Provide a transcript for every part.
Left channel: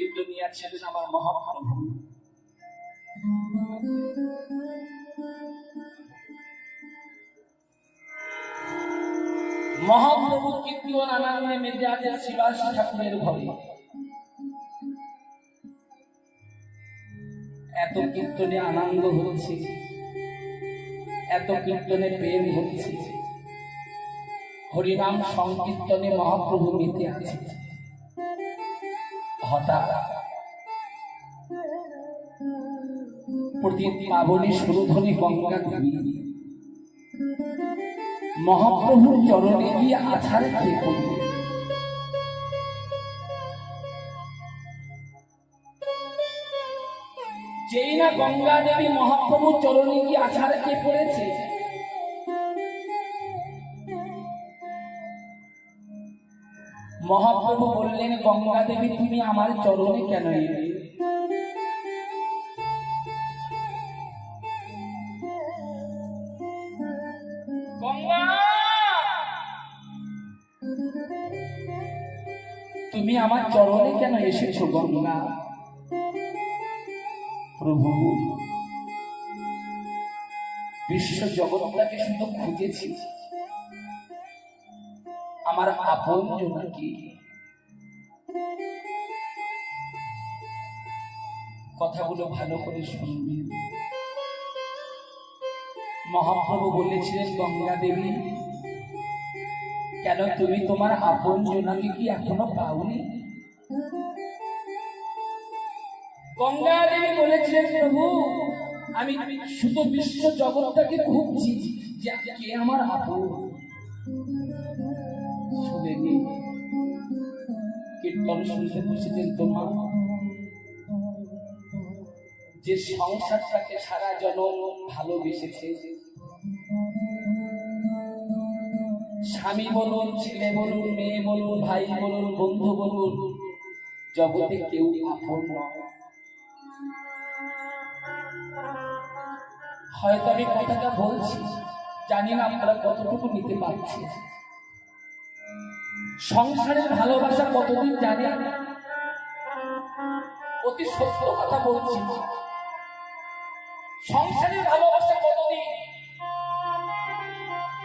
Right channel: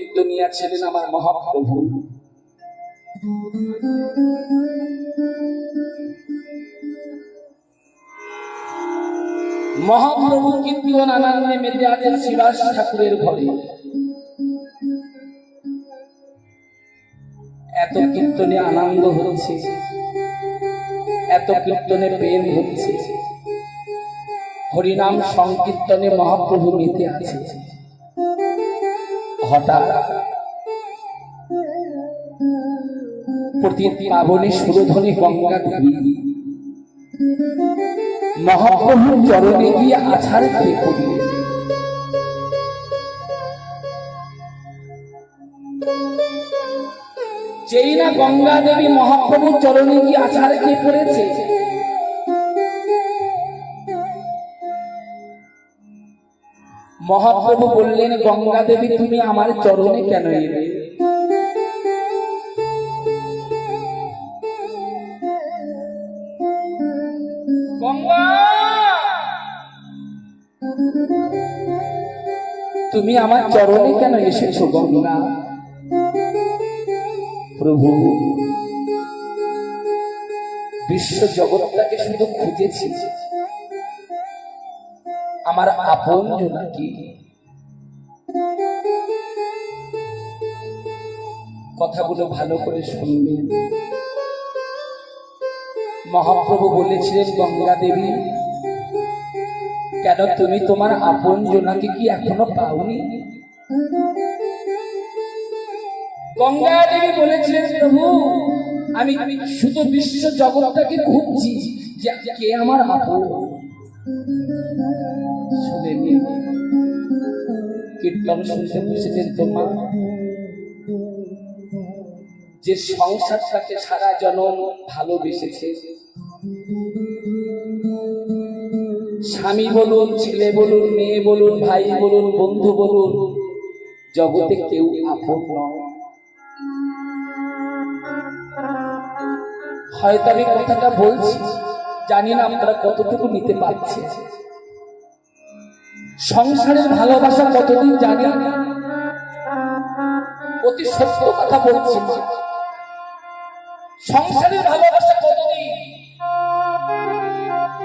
কীর্তনিয়া ছিলেন আমার মহাপ্রভু। মহাপ্রভু কীর্তন আনন্দে মেতে আছেন শ্রীবাস ঠাকুরের ঘরে। এত কীর্তনে আনন্দ হচ্ছে, এত কীর্তনে প্রেম হচ্ছে, হরিনাম সংকীর্তনে মহাপ্রভু মেতে আছে। হঠাৎ প্রতি পাবনে সুরধ্বনি গঙ্গা দেবী মহাপ্রভুর চরণে গিয়ে আছাড় খেয়ে পড়লেন। যেই না গঙ্গা দেবী মহাপ্রভুর চরণে গিয়ে আছাড় খেয়ে পড়েছে, মহাপ্রভু বললেন, গঙ্গা দেবী তুমি আমার চরণে কেন এলে? গঙ্গা, তুমি আমার চরণে কেন এসেছো গঙ্গা? প্রভু, বিশ্ব জগৎটাকে শুধু খুঁজেছি, আমার আপন জনাকি। কথাগুলো ভালো করে শুনবেন। মহাপ্রভু বলেছিলেন, গঙ্গা দেবী কেন তুমি তোমার আপন জনাকে কি এখনো পাওনি? গঙ্গা দেবী বলেছিলেন, প্রভু আমি শুধু বিশ্ব জগৎটাকে খুঁজছি যে কে আমার আপন। শুনেনি, কীর্তন শুনতে বসেছেন তোমার, যে সংসারটাকে সারা জনম ভালোবেসেছে, স্বামী বলুন, ছেলে বলুন, মেয়ে বলুন, ভাই বলুন, বন্ধু বলুন, জগতে কেউ আপন নয়। হয়তো আমি কথাটা বলছি, জানি না আপনারা কতটুকু নিতে পারছেন। সংসারের ভালোবাসা কতদিন জানেন? অতি সত্য কথা বলছি। সংসারের ভালোবাসা কতদিন?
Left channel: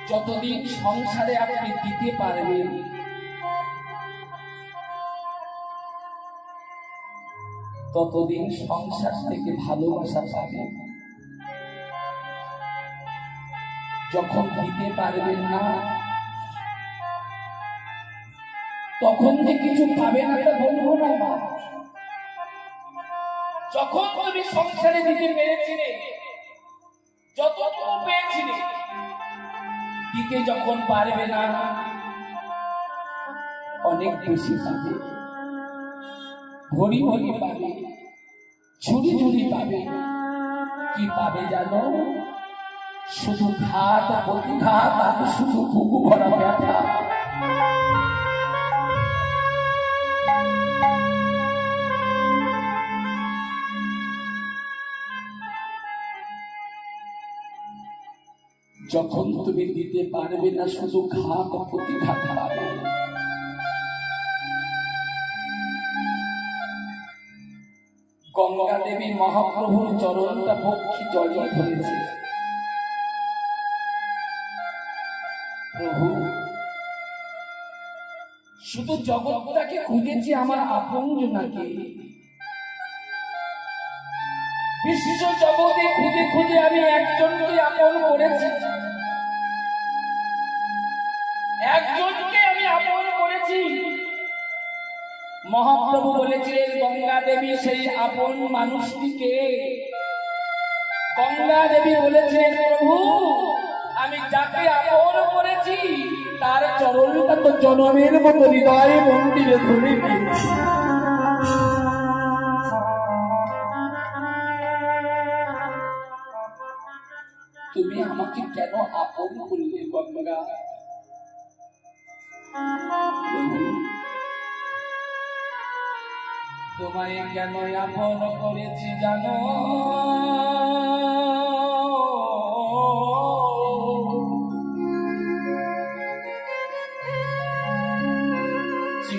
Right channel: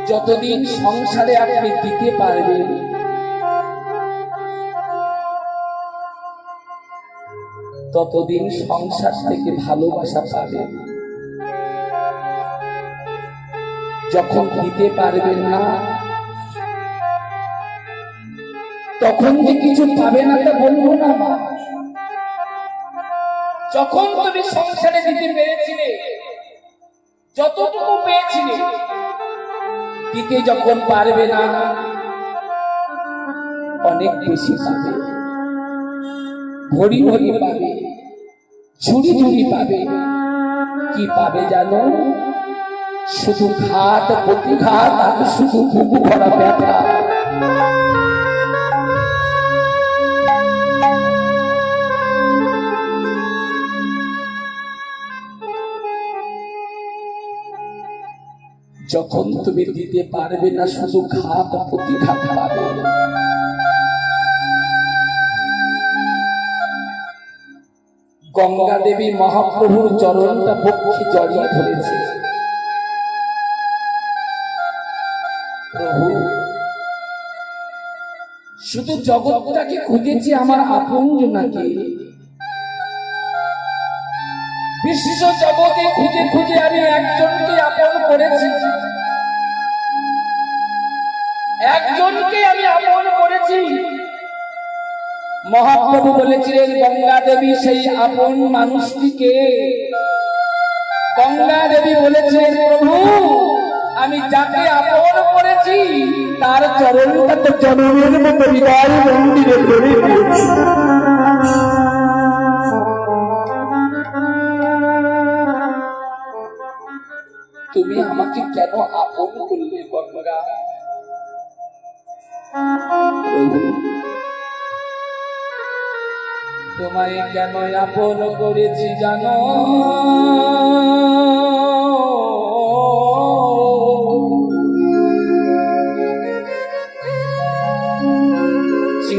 যতদিন সংসারে আপনি দিতে পারবেন, ততদিন সংসার থেকে ভালোবাসা পাবেন। যখন দিতে পারবেন না, তখন যে কিছু পাবে না তা বলবো না। যখন তুমি সংসারে দিতে পেরেছিলে, যতটুকু পেয়েছিলে, দিতে যখন পারবে না, অনেক বেশি পাবে, ভরি ভরি পাবে, ঝুড়ি ঝুড়ি পাবে। কি পাবে জানো? শুধু ঘাত প্রতিঘাত আর শুধু বুকু ভরা ব্যথা। যখন তুমি দিতে পারবে না, শুধু ঘাত প্রতিঘাত পাবে। গঙ্গা দেবী মহাপ্রভুর চরণটা বক্ষে জড়িয়ে ধরেছে। প্রভু, শুধু জগৎটাকে খুঁজেছি আমার আপন জনাকে। বিশ্ব জগতে খুঁজে খুঁজে আমি একজনকে আপন করেছি, একজনকে আমি আপন করেছি। মহাপ্রভু বলেছিলেন, গঙ্গা দেবী সেই আপন মানুষটিকে। গঙ্গা দেবী বলেছিলেন, প্রভু আমি যাকে আপন করেছি তার চরণটা তো জনমের মতো হৃদয় মন্দিরে ধরে দিয়েছি। তুমি আমাকে কেন আপন করলে গঙ্গা? তোমায় কেন আপন করেছি জানো?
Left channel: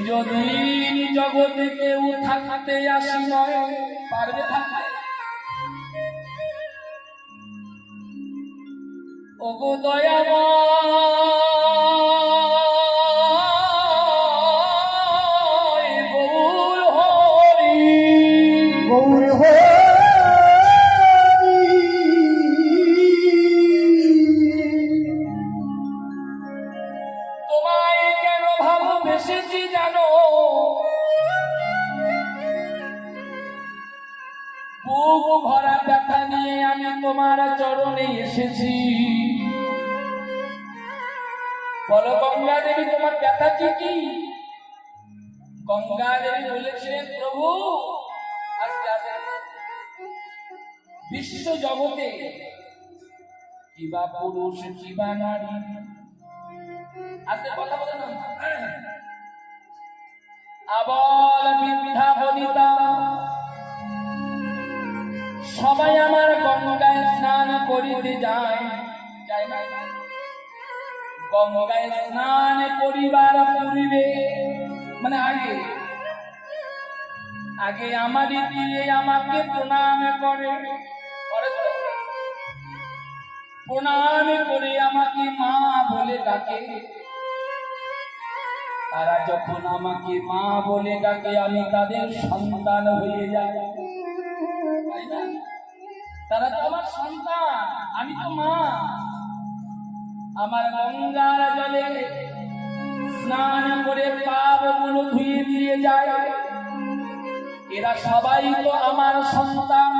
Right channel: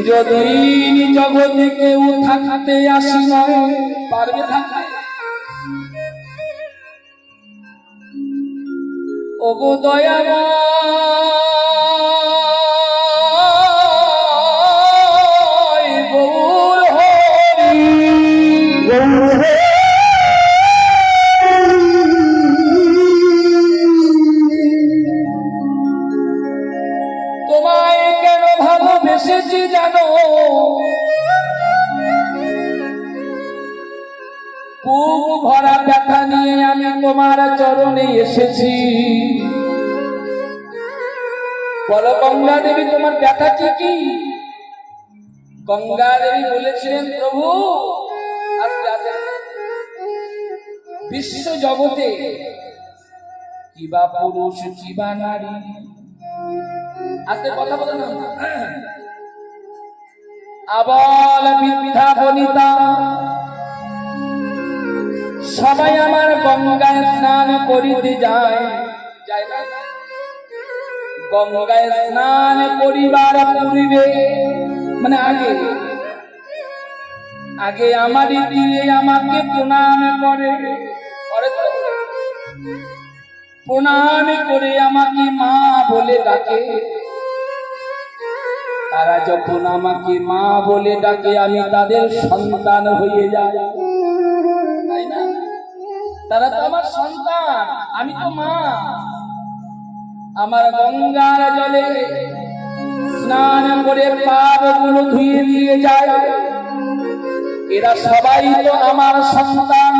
চিরদিন জগতে কেউ থাকতে আসি নয়, পারবে থাকতে? ওগো দয়াময় গৌর হরি, তোমায় কেন ভালোবেসেছি জানো? বুক ভরা ব্যথা নিয়ে আমি তোমার চরণে এসেছি। বলো গঙ্গা দেবী, তোমার ব্যথা কি? গঙ্গা দেবী বলেছিলেন, প্রভু আস্তে আস্তে, বিশ্ব জগতে কিবা পুরুষ কিবা নারী, আস্তে কথা বলো না, আবাল বৃদ্ধা বনিতা সবাই আমার গঙ্গায় স্নান করিতে যায়, যায় না? গঙ্গায় স্নান করিবার পূর্বে মানে আগে আমারই দিয়ে আমাকে প্রণাম করে, প্রণাম করে আমাকে মা বলে ডাকে। তারা যখন আমাকে মা বলে ডাকে আমি তাদের সন্তান হয়ে যাই, তাই না? তারা তো আমার সন্তান, আমি তো মা। আমার গঙ্গার জলে স্নান করে পাপগুলো ধুয়ে দিয়ে যায়। এরা সবাই তো আমার সন্তান,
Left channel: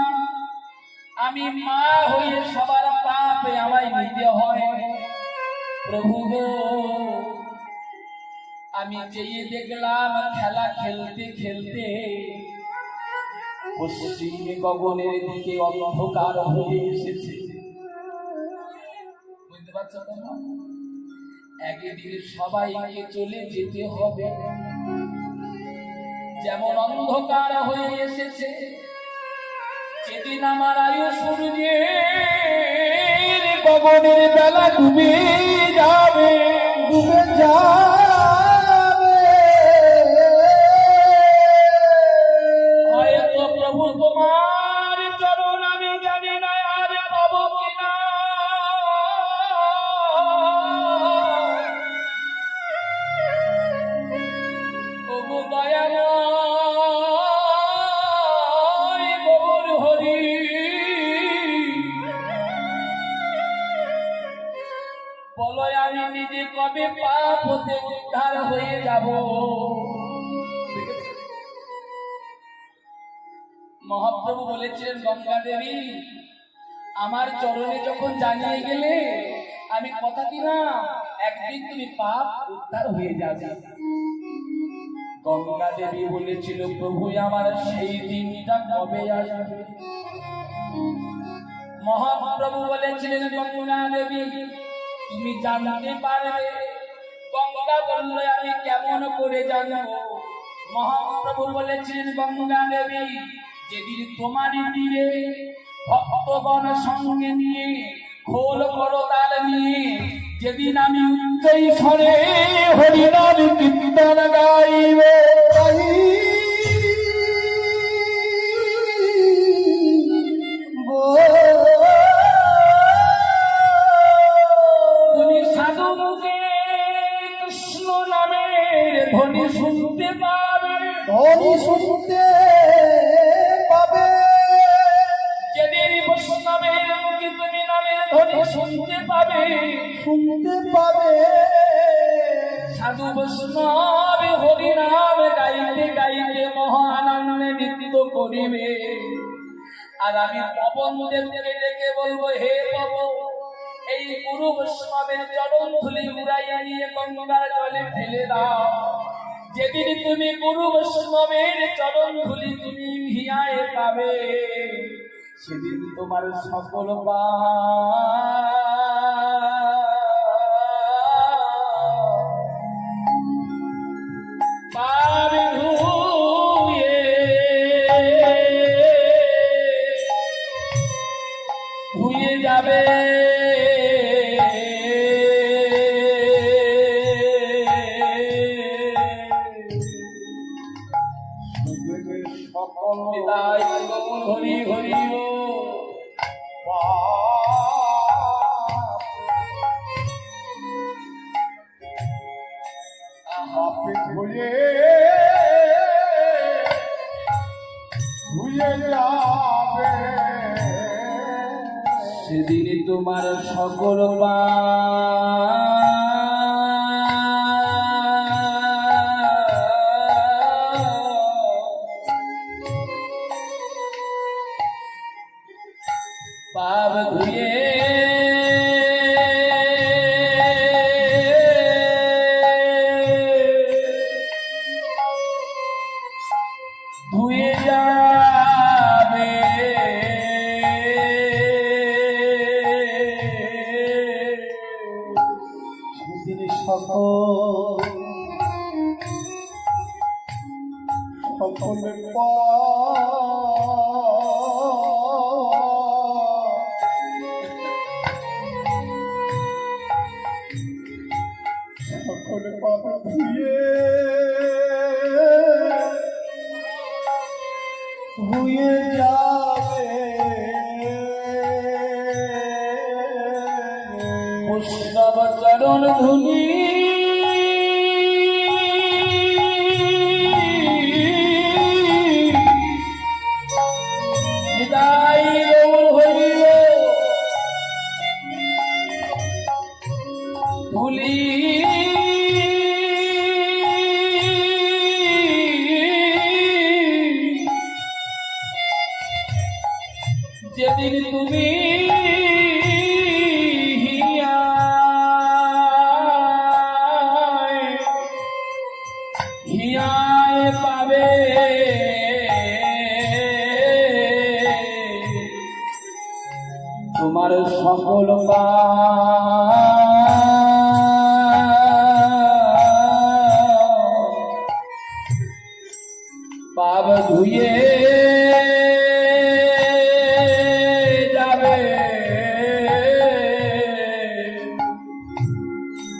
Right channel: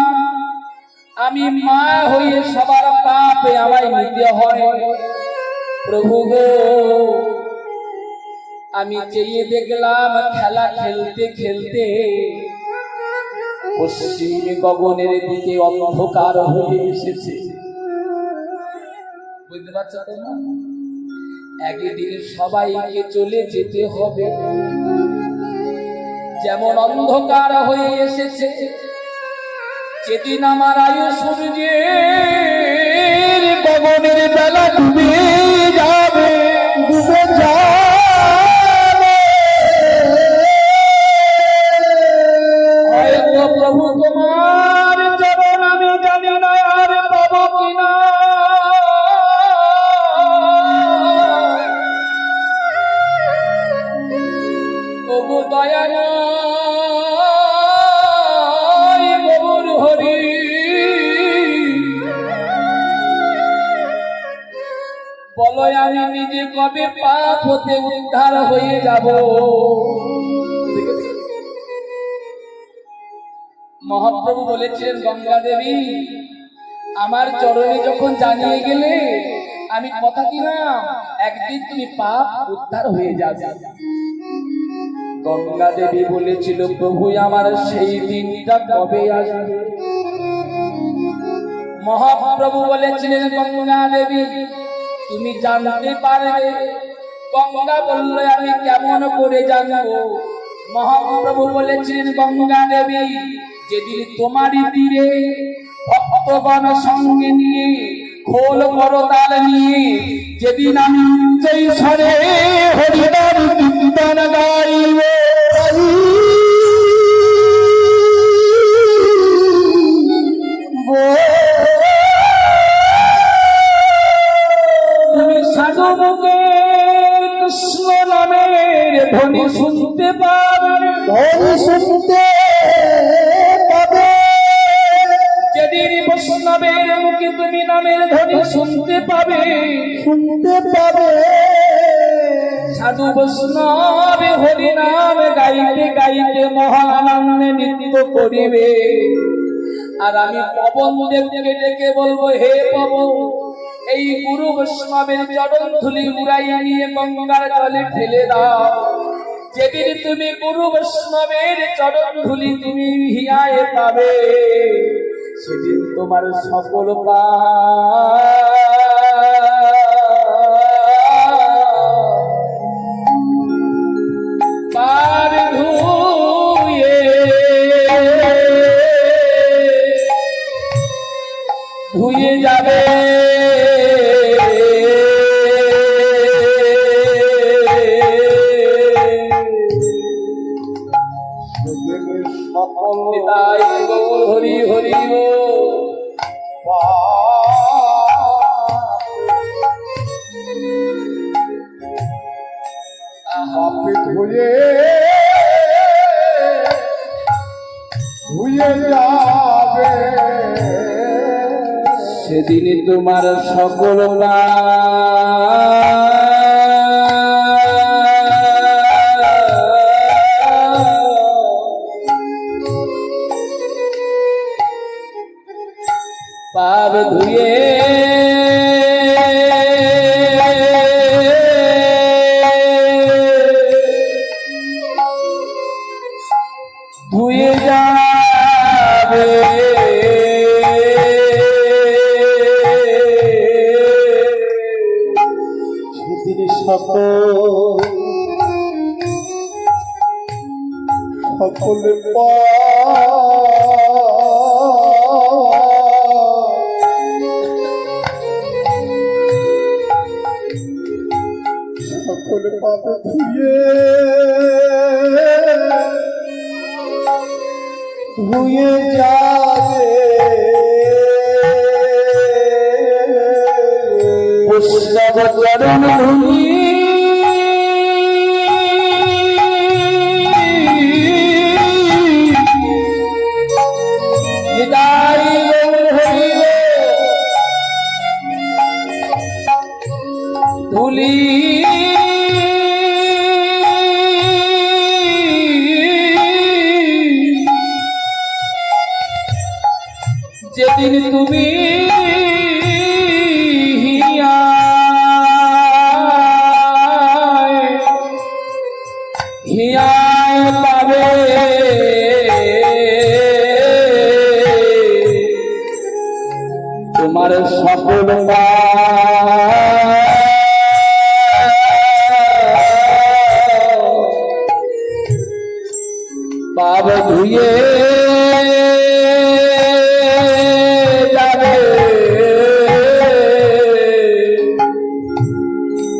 আমি মা হয়ে সবার পাপে আমায় নিতে হয়। প্রভু গো, আমি চেয়ে দেখলাম খেলা খেলতে খেলতে পশ্চিম গগনের দিকে অন্ধকার হয়ে এসেছে। বুঝতে পারছো তোমরা? একদিন সবাইকে চলে যেতে হবে। যেমন অন্ধকার হয়ে এসেছে, যেদিন আমার আয়ু সূর্যের গগনের বেলা ডুবে যাবে, ডুবে যাবে, হয়তো প্রভু তোমার চরণ আমি জানি না আর পাবো কিনা। ওগো দয়াময় গৌর হরি, বলো আমি নিজে কবে পাপ হতে উদ্ধার হয়ে যাব? মহাপ্রভু বলেছিলেন, গঙ্গা দেবী আমার চরণে যখন জানিয়ে গেলে আমি কথা দিলাম একদিন তুমি পাপ উদ্ধার হয়ে যাবে। গঙ্গা দেবী বলেছিল, প্রভু আমার সেই দিনটা কবে আসবে? মহাপ্রভু বলেছিলেন, গঙ্গা দেবী তুমি জানতে পারবে। গঙ্গা বলল, আমি কেমন করে জানবো? মহাপ্রভু বলেছিলেন, গঙ্গা দেবী যেদিন তোমারই তীরে ভক্তগণ সঙ্গে নিয়ে খোল করতাল নিয়ে যেদিন আমি উচ্চৈ স্বরে হরিনাম কীর্তন গাইব, তুমি সাধু মুখে কৃষ্ণ নামের ধ্বনি শুনতে পাবে, ধ্বনি শুনতে পাবে। যেদিন বৈষ্ণবের মুখে তুমি নামের ধ্বনি শুনতে পাবে, শুনতে পাবে, সাধু বৈষ্ণব হরি নাম গাইতে গাইতে মহানন্দে নৃত্য করিবে। আর আমি পবন দেবকে ডেকে বলবো, হে পবন এই গুরু বৈষ্ণবের চরণ ধুলি উড়াইয়া নিয়ে গঙ্গার জলে ফেলে দাও। যেদিন তুমি গুরু বৈষ্ণবের চরণ ধুলি তুমি হিয়ায় পাবে, সেদিন তোমার সকল পাপ ধুয়ে যাবে। সকল নিতাই গৌর হরি হরি বল। পাপে ধুয়ে ধুয়ে যাবে সেদিন তোমার সকল পাপ ধুয়ে ধুয়ে যাবে সেদিন সকলে সকলে পাবে ধুয়ে ধুয়ে যাবে বৈষ্ণব চরণ ধুলি নিতাই গৌর হরি বল। ধুলি যেদিন তুমি হিয়ায় পাবে তোমার সকল পাপ ধুয়ে যাবে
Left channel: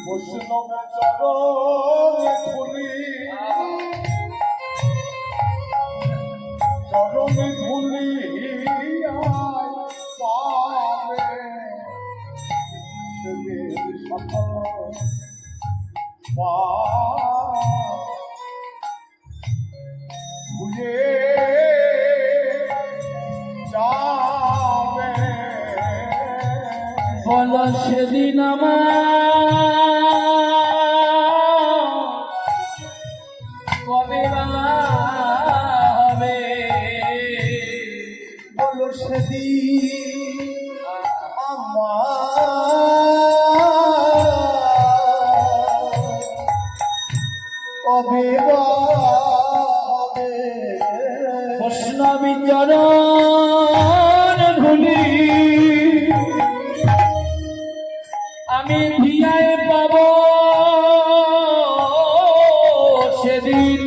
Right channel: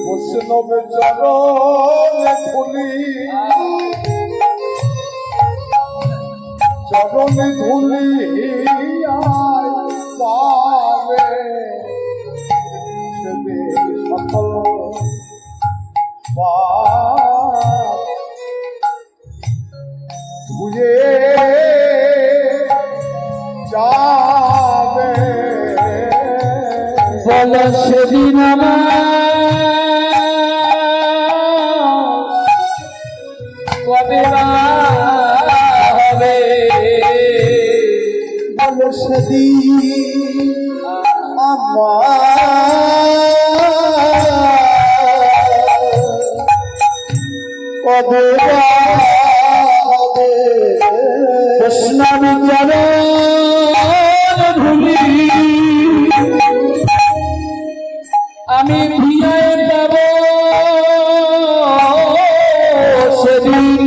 বৈষ্ণব চরণে ধুলি চরণে ধুলি পাবে সেদিন সকল পাপ ধুয়ে যাবে বল সেদিন কবে হবে বলো সেদিন কবে হবে বৈষ্ণব চরণ ধুলি আমি ধুয়ে পাব সেদিন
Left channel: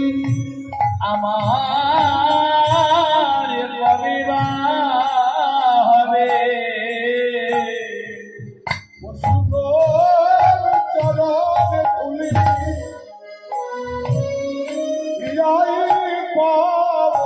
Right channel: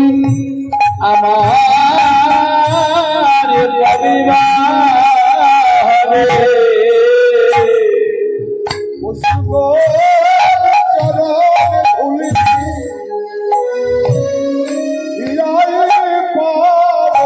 আমার রবিবার হবে বৈষ্ণব চরণে ধুলি হিয়ায় পাব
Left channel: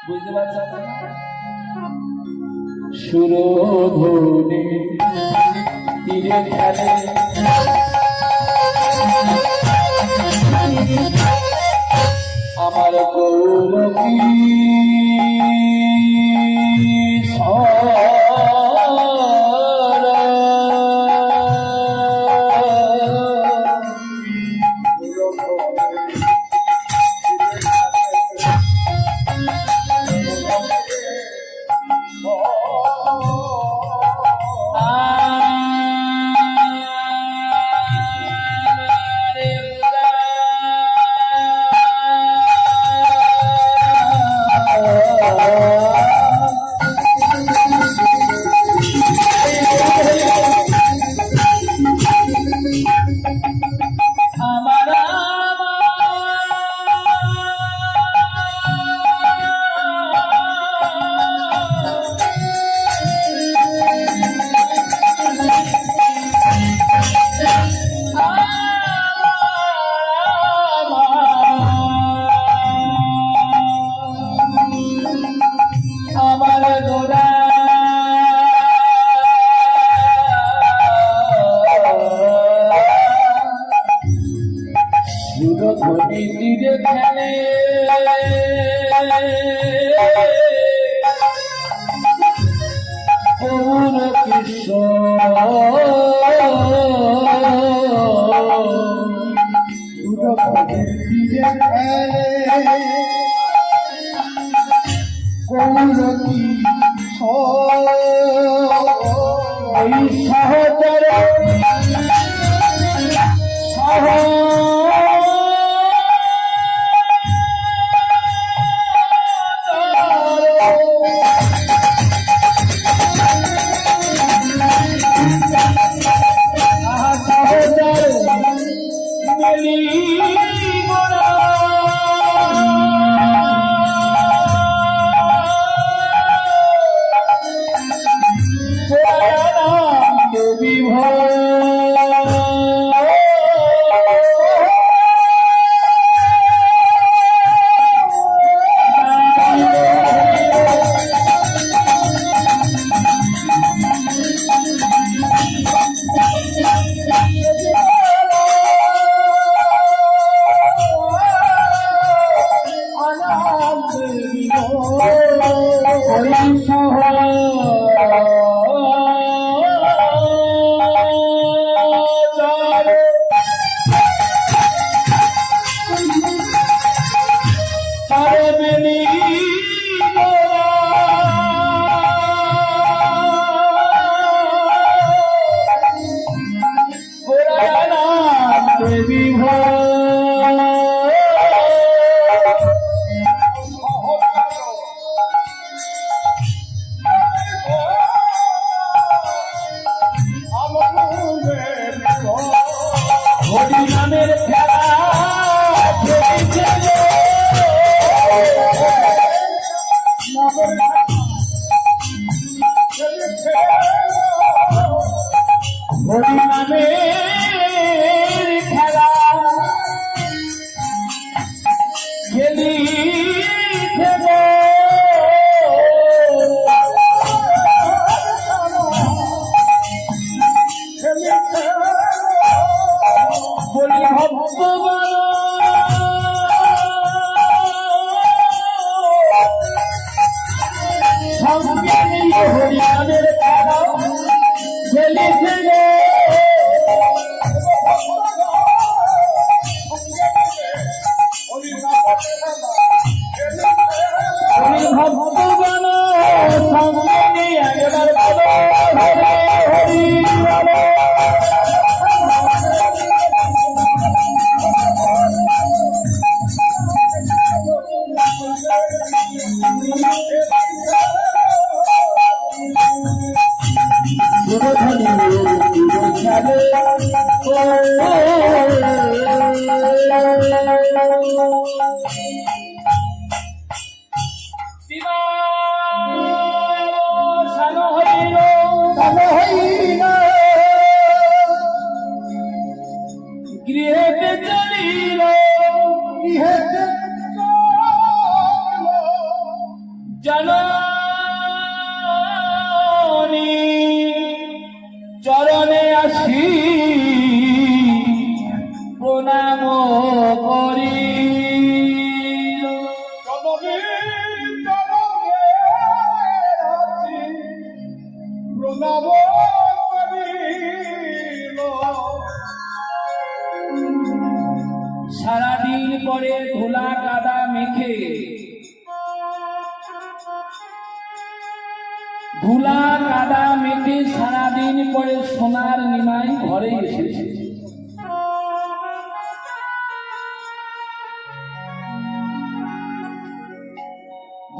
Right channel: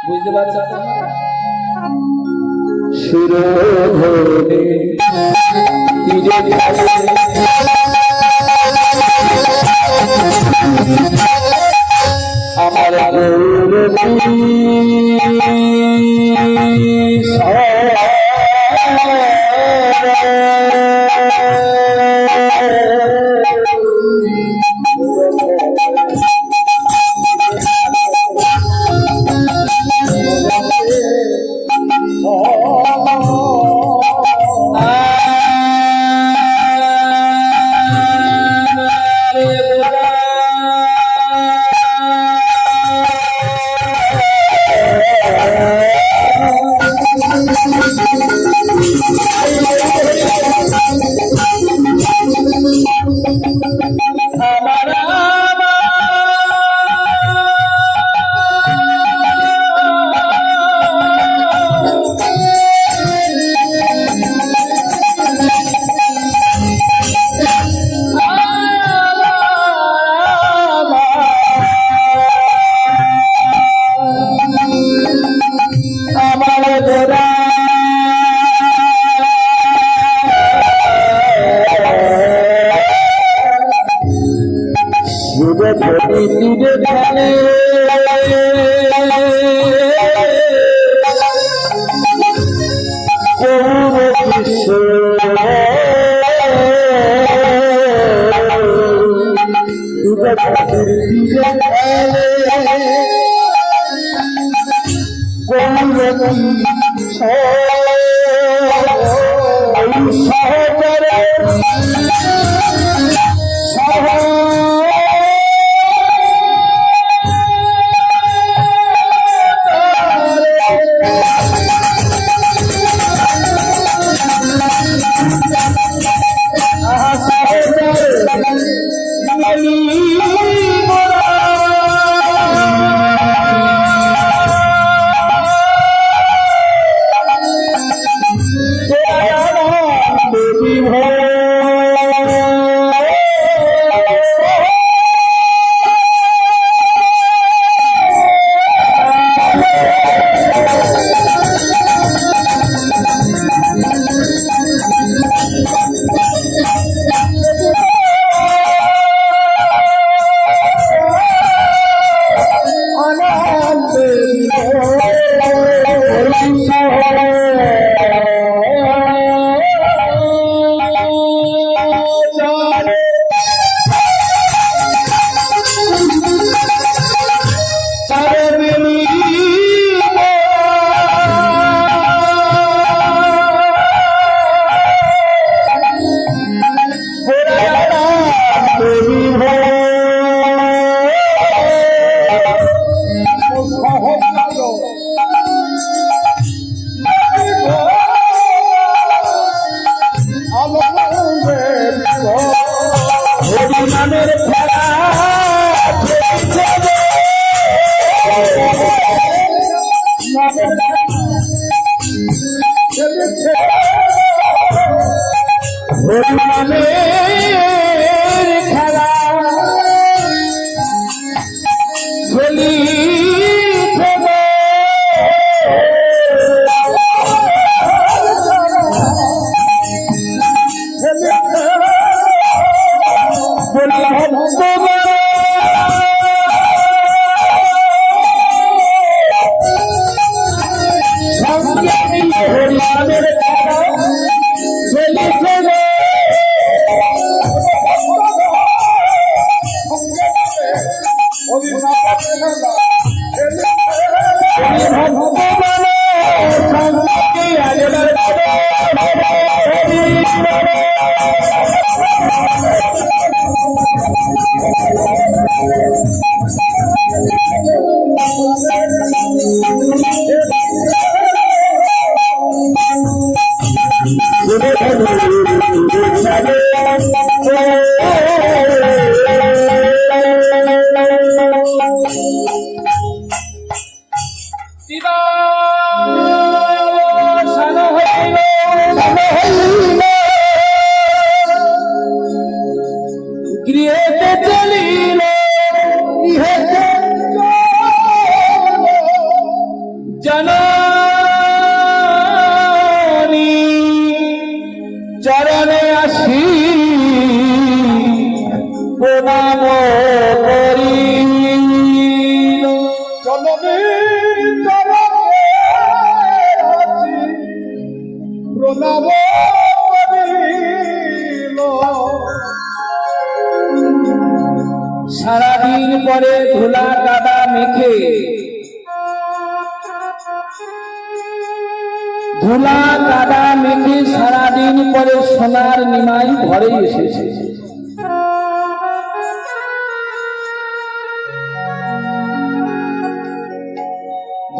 বুঝতে পারছো? সুরধনে তীরে আমার গৌরবী প্রণাম করিল সারাদিন পরে ধুলা কাদা মেখে সারাদিন পরে সোনার নিমাই ঘরে এসেছে।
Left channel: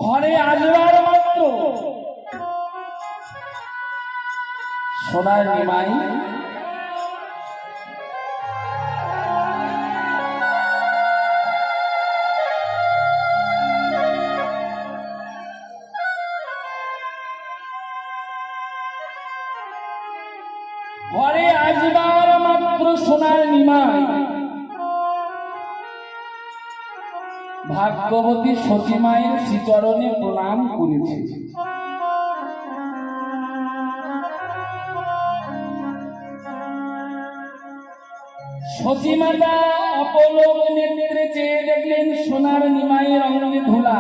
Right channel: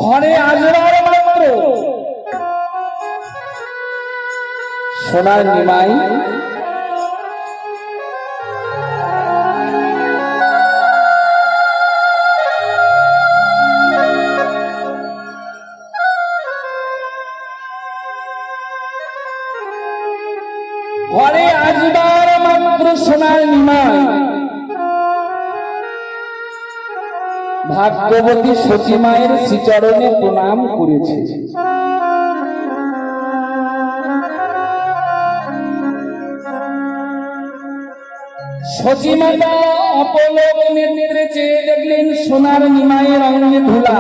ঘরে আসবার মাত্র সোনার নিমাই সোনার নিমাই ভাগ্যবতী সতী মায়ের শ্রীচরণে প্রণাম করেছে। সতী মাতা অপলক নেত্রে চেয়ে দেখলেন সোনার নিমাইয়ের অঙ্গে ধুলা।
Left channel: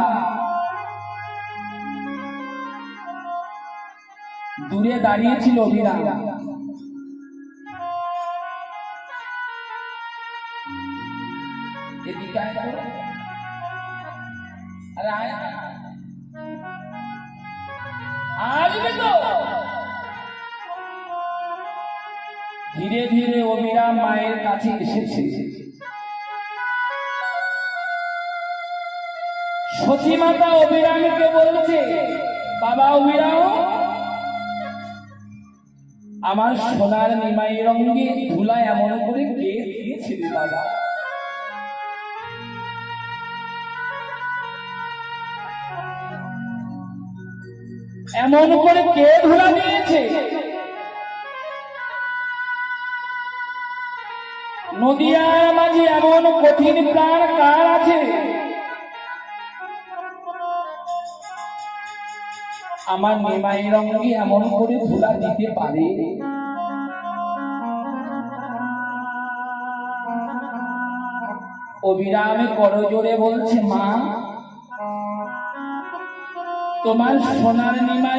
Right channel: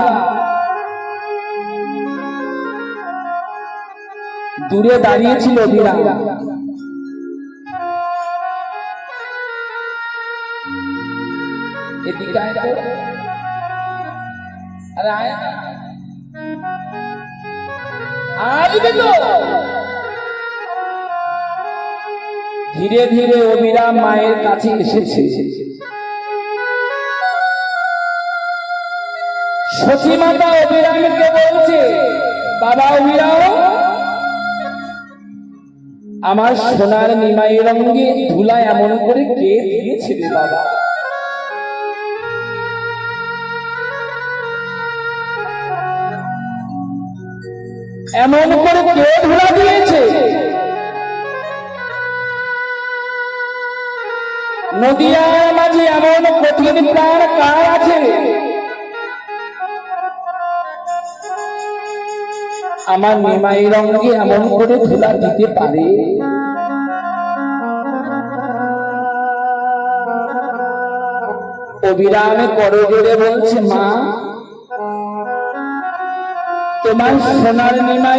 দূরে দাঁড়িয়েছিল বিরাম। ধীরে ধীরে অবিরাম মায়ের কাছে এসেছে। সতী মাতা অবিরামকে বলছে, বাবা অবিরাম, আমার সোনার নিমাইয়ের অঙ্গে ধুলা এমন করে কে দিয়েছিল বাবা? এমন করে কে ধুলা দিয়েছে? নদিয়ার মাঝে এমন কঠিন প্রাণ কার আছে? আমার নিমাইয়ের অঙ্গে এমন করে ধুলা দিতে পারে? অবিরামে করজোড়ে বলছে, মা, তোমার সোনার নিমাই